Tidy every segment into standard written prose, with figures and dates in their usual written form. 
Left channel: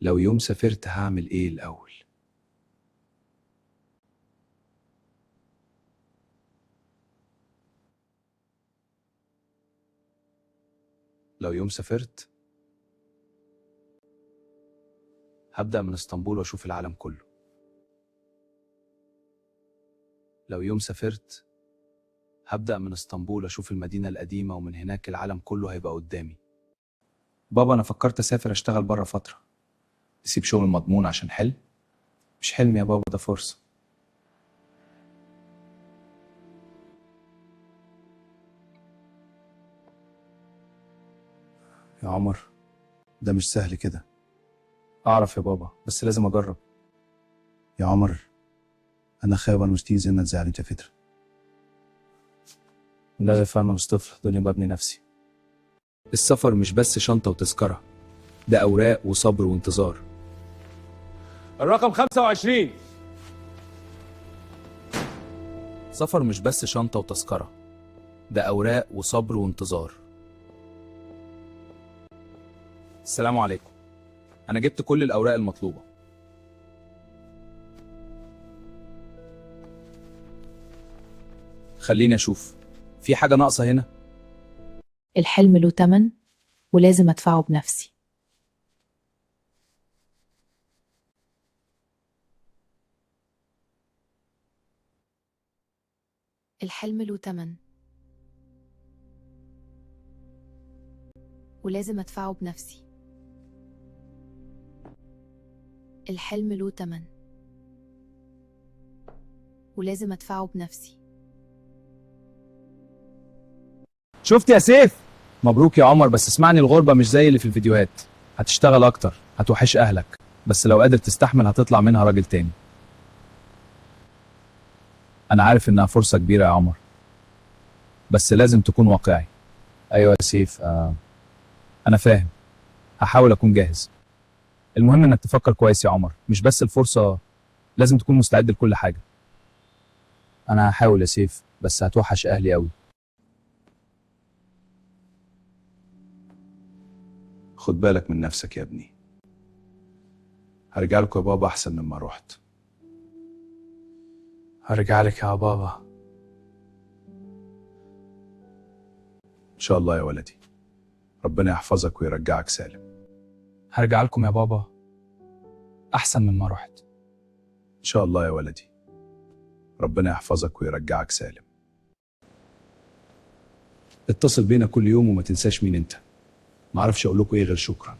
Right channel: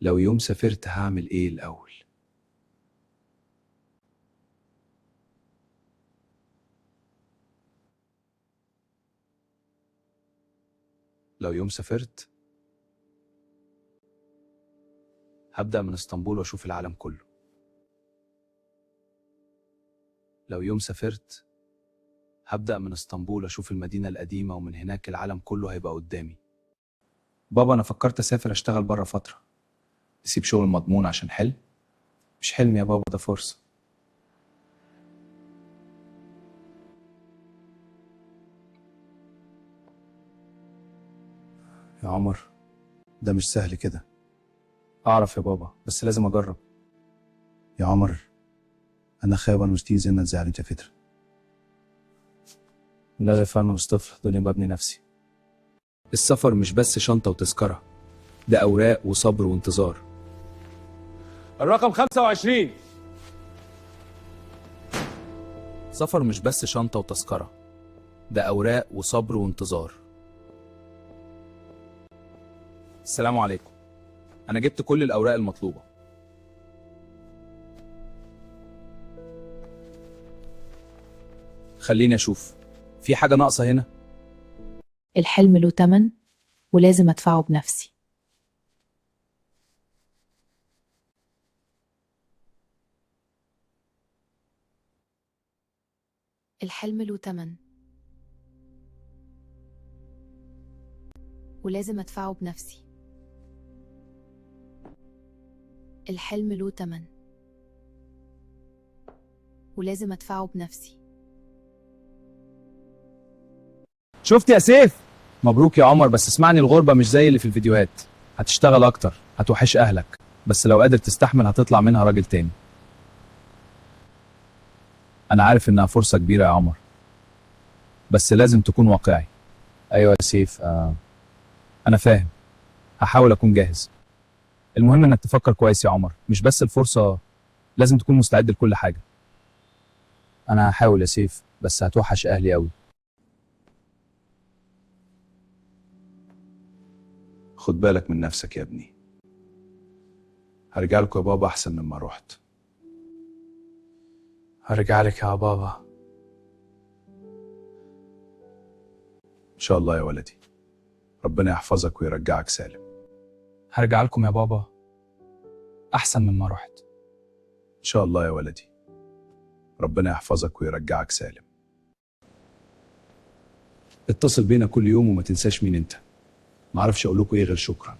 لو يوم سافرت هعمل ايه الأول؟ لو يوم سافرت هبدأ من اسطنبول واشوف العالم كله. لو يوم سافرت هبدأ من اسطنبول اشوف المدينة القديمة، ومن هناك العالم كله هيبقى قدامي. بابا، انا فكرت اسافر اشتغل بره فترة، تسيب شغل مضمون عشان حلم. مش حلم يا بابا، ده فرصة. يا عمر، ده مش سهل كده. اعرف يا بابا، بس لازم اجرب. يا عمر، انا خايف مش تيجي زي ما تزعل انت فترة. لا يا فاهم مصطفى، دنيا مبني نفسي. السفر مش بس شنطة وتذكرة، ده أوراق وصبر وانتظار. الرقم 25. سفر مش بس شنطة وتذكرة، ده أوراق وصبر وانتظار. السلام عليكم، أنا جبت كل الأوراق المطلوبة. خليني أشوف، في حاجة ناقصة هنا؟ الحلم له تمن ولازم أدفعه بنفسي. الحلم له تمن ولازم أدفعه بنفسي. الحلم له تمن ولازم أدفعه بنفسي. شفت يا سيف؟ مبروك يا عمر، بس اسمعني، الغربة مش زي اللي في الفيديوهات. هتشتغل أكتر، هتوحش أهلك، بس لو قادر تستحمل هتطلع منها راجل تاني. أنا عارف إنها فرصة كبيرة يا عمر، بس لازم تكون واقعي. أيوة يا سيف، أنا فاهم، هحاول أكون جاهز. المهم إنك تفكر كويس يا عمر، مش بس الفرصة، لازم تكون مستعد لكل حاجة. أنا هحاول يا سيف، بس هتوحش أهلي أوي. خد بالك من نفسك يا ابني. هرجع لكم يا بابا أحسن مما رحت. هرجع لك يا بابا إن شاء الله يا ولدي. ربنا يحفظك ويرجعك سالم. هرجع لكم يا بابا أحسن مما رحت. إن شاء الله يا ولدي، ربنا يحفظك ويرجعك سالم. اتصل بينا كل يوم وما تنساش مين انت. معرفش اقول لكم ايه غير شكرا.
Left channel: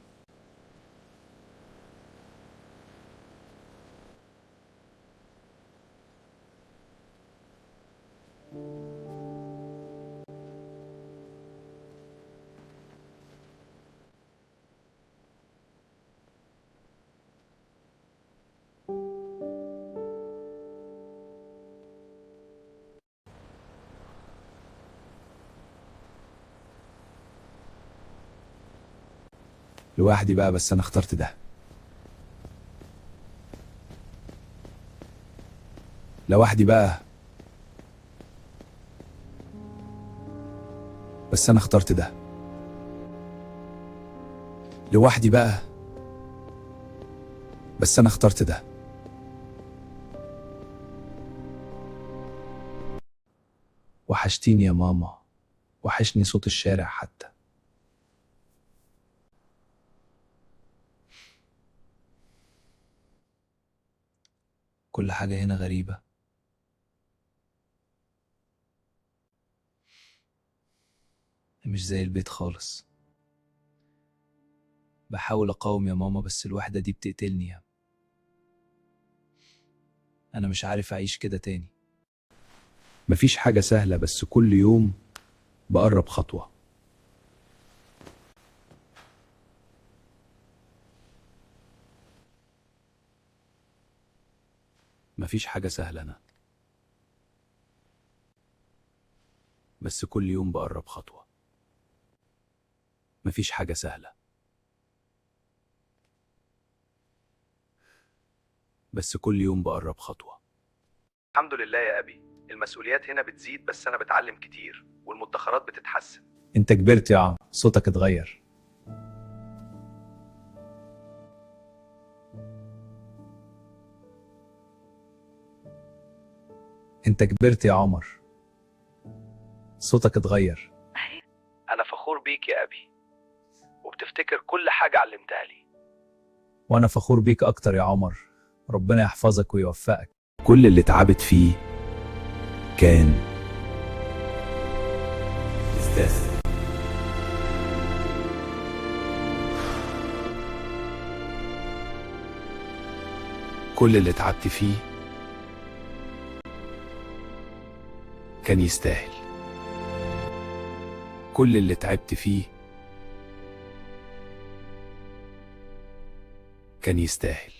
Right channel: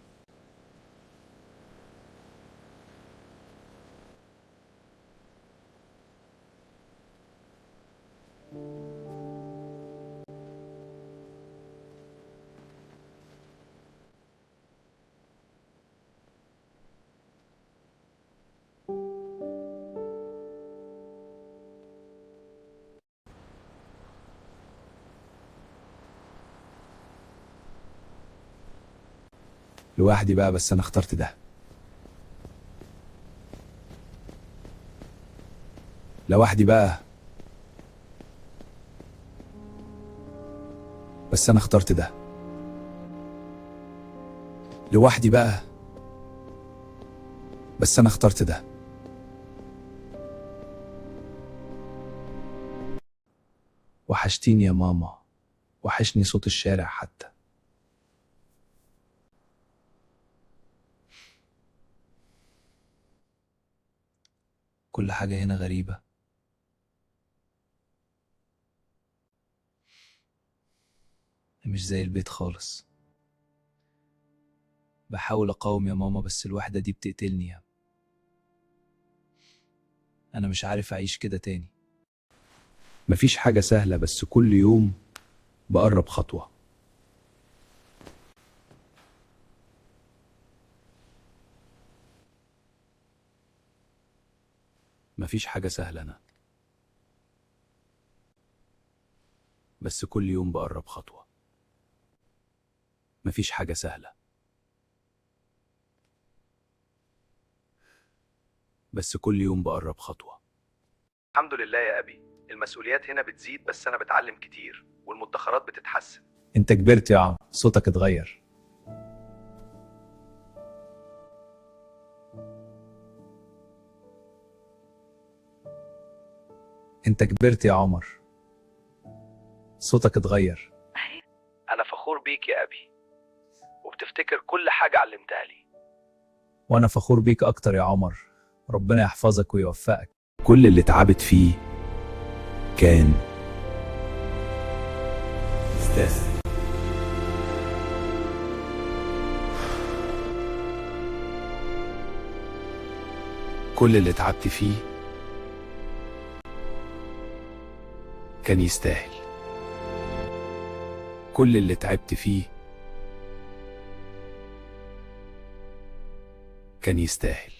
لوحدي بقى، بس انا اخترت ده. لوحدي بقى، بس انا اخترت ده. لوحدي بقى، بس انا اخترت ده. وحشتيني يا ماما، وحشني صوت الشارع حتى. كل حاجة هنا غريبة. مش زي البيت خالص. بحاول اقاوم يا ماما، بس الوحدة دي بتقتلني. انا مش عارف اعيش كده تاني. مفيش حاجة سهلة، بس كل يوم بقرب خطوة. مفيش حاجة سهلة أنا، بس كل يوم بقرب خطوة. مفيش حاجة سهلة، بس كل يوم بقرب خطوة. الحمد لله يا أبي، المسؤوليات هنا بتزيد، بس أنا بتعلم كتير والمدخرات بتتحسن. أنت كبرت يا عم، صوتك اتغير. انت كبرت يا عمر، صوتك اتغير. أنا فخور بيك يا أبي، وبتفتكر كل حاجة علمتها لي. وانا فخور بيك اكتر يا عمر، ربنا يحفظك ويوفقك. كل اللي تعبت فيه كان يستاهل. كل اللي تعبت فيه كان يستاهل. كل اللي تعبت فيه كان يستاهل.